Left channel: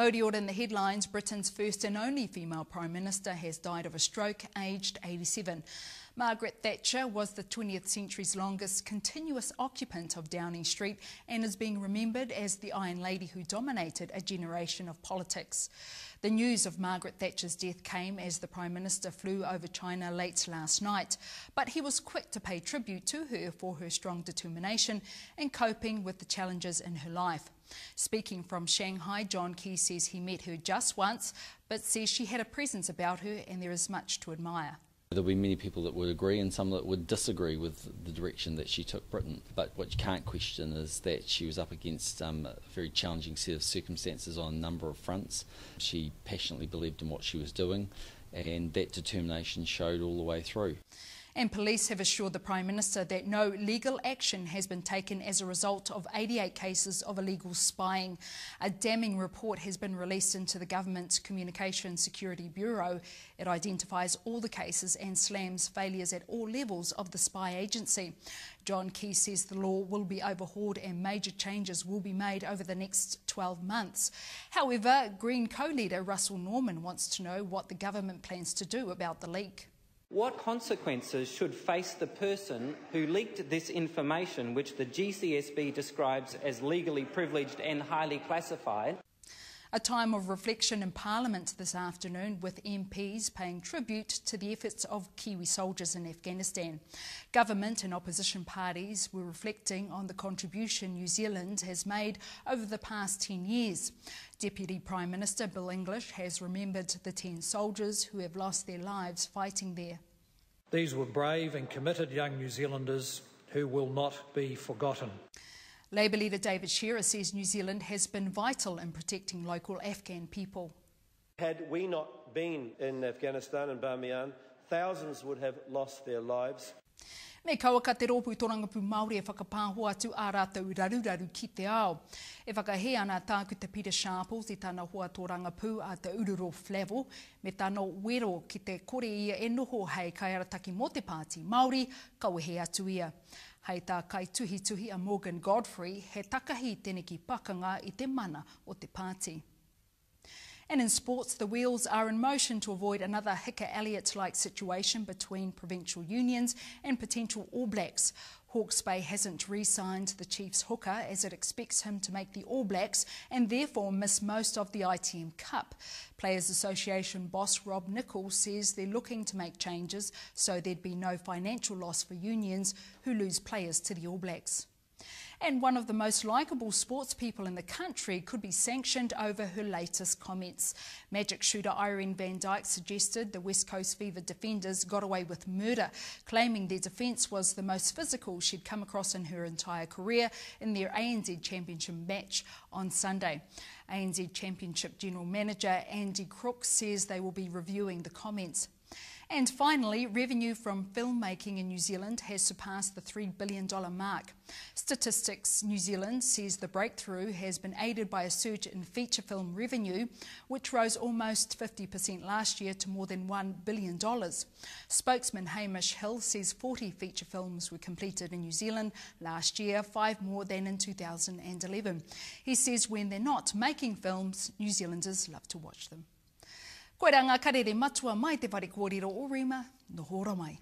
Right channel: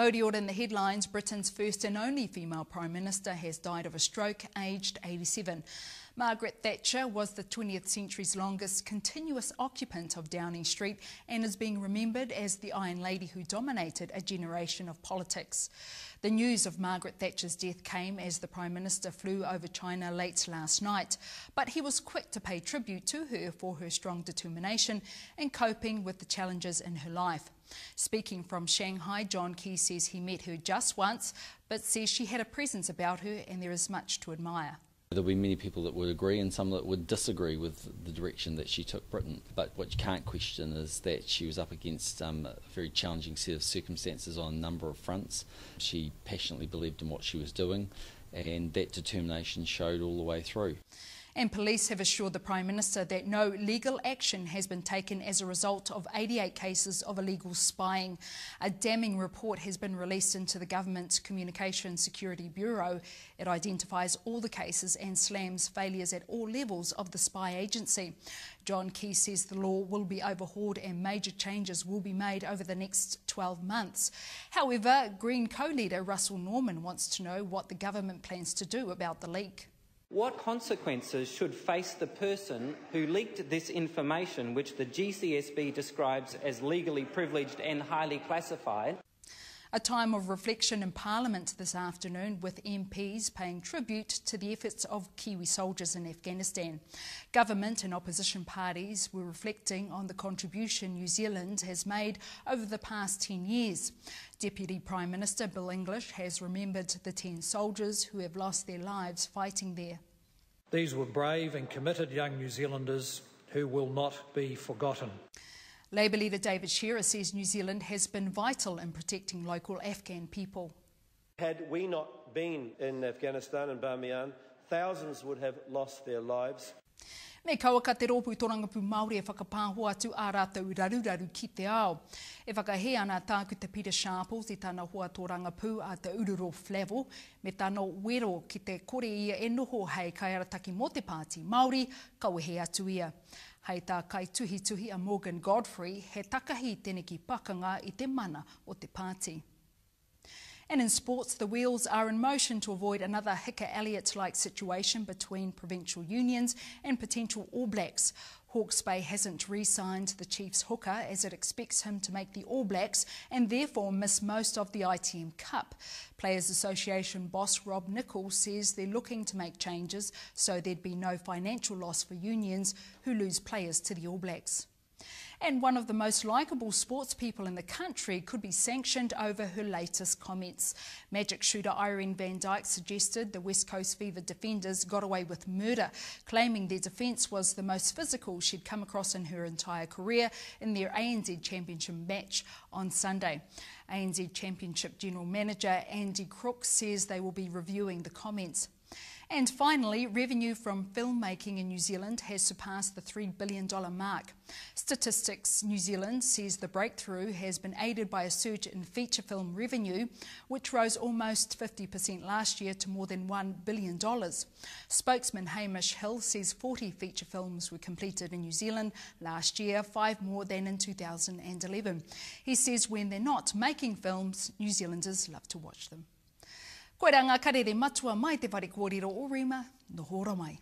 Modior in the headlines, Britain's first and only female Prime Minister has died of a stroke, aged 87. Margaret Thatcher was the 20th century's longest continuous occupant of Downing Street and is being remembered as the Iron Lady who dominated a generation of politics. The news of Margaret Thatcher's death came as the Prime Minister flew over China late last night, but he was quick to pay tribute to her for her strong determination in coping with the challenges in her life. Speaking from Shanghai, John Key says he met her just once, but says she had a presence about her and there is much to admire. There'll be many people that would agree and some that would disagree with the direction that she took Britain. But what you can't question is that she was up against a very challenging set of circumstances on a number of fronts. She passionately believed in what she was doing, and that determination showed all the way through. And police have assured the Prime Minister that no legal action has been taken as a result of 88 cases of illegal spying. A damning report has been released into the Government's Communications Security Bureau. It identifies all the cases and slams failures at all levels of the spy agency. John Key says the law will be overhauled and major changes will be made over the next 12 months. However, Green co-leader Russell Norman wants to know what the government plans to do about the leak. What consequences should face the person who leaked this information, which the GCSB describes as legally privileged and highly classified? A time of reflection in Parliament this afternoon with MPs paying tribute to the efforts of Kiwi soldiers in Afghanistan. Government and opposition parties were reflecting on the contribution New Zealand has made over the past 10 years. Deputy Prime Minister Bill English has remembered the 10 soldiers who have lost their lives fighting there. These were brave and committed young New Zealanders who will not be forgotten. Labour leader David Shearer says New Zealand has been vital in protecting local Afghan people. Had we not been in Afghanistan and Bamiyan, thousands would have lost their lives. Me kaua ka te rōpū torangapu Māori e whakapāho atu ā rātou raruraru ki te ao. E whakahe ana tāku te Peter Sharples I tāna hoa torangapu a te Ururo Flavel, me tāna wero ki te kore ia e noho hei kaiarataki mō te pāti Māori, kawehe atu ia. Hei tā kai tuhi a Morgan Godfrey, he takahi tēne ki pakanga I te mana o te pāti. And in sports, the wheels are in motion to avoid another Hicka Elliott-like situation between provincial unions and potential All Blacks. Hawke's Bay hasn't re-signed the Chiefs hooker as it expects him to make the All Blacks and therefore miss most of the ITM Cup. Players Association boss Rob Nicholl says they're looking to make changes so there'd be no financial loss for unions who lose players to the All Blacks. And one of the most likeable sports people in the country could be sanctioned over her latest comments. Magic shooter Irene van Dyke suggested the West Coast Fever defenders got away with murder, claiming their defence was the most physical she'd come across in her entire career in their ANZ Championship match on Sunday. ANZ Championship General Manager Andy Crook says they will be reviewing the comments. And finally, revenue from filmmaking in New Zealand has surpassed the $3 billion mark. Statistics New Zealand says the breakthrough has been aided by a surge in feature film revenue, which rose almost 50% last year to more than $1 billion. Spokesman Hamish Hill says 40 feature films were completed in New Zealand last year, 5 more than in 2011. He says when they're not making films, New Zealanders love to watch them. Koe rā ngā karere matua mai te whare kōrero o Rima, no hora mai.